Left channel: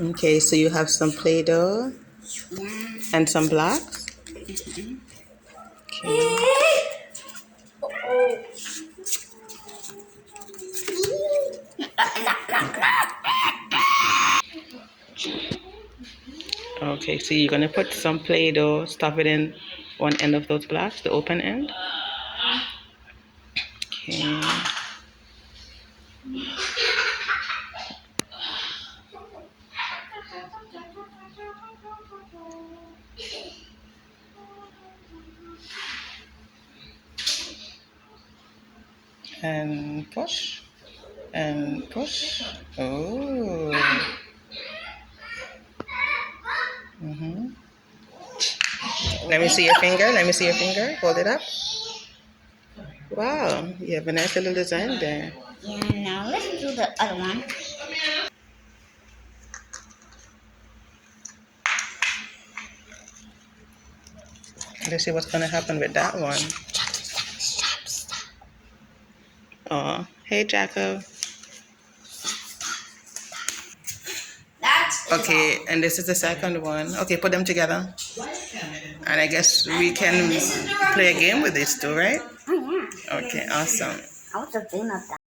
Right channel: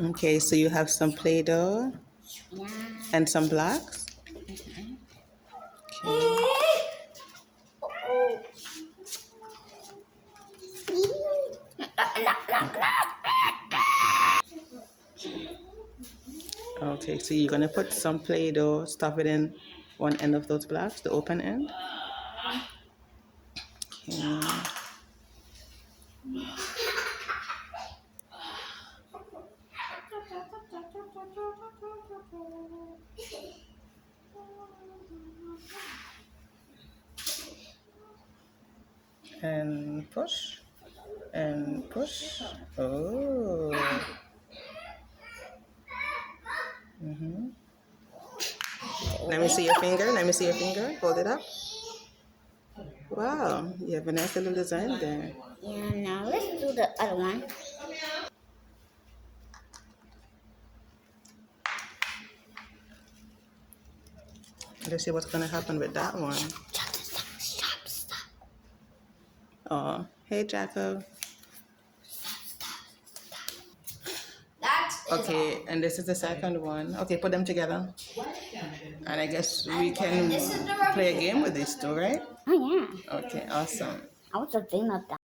Okay, so you have some Play-Doh Yeah. and some blocks. Okay. Okay, so you're gonna put some Play-Doh, stuff it in one end of those blocks, the open end. Okay. And push. And push. Oh. Mm-hmm. Let me see your finger. Let me see your finger. Hold it up. Wow, you have a nice little design there. Yeah, now let's do the other one. Let's see what's gonna happen with that one. Oh, hey, Jacko. That's Okay, and this is the second one. Okay, put them together. And I guess we can play a game with these two, right? Oh yeah. Okay, awesome. I was just thinking of that.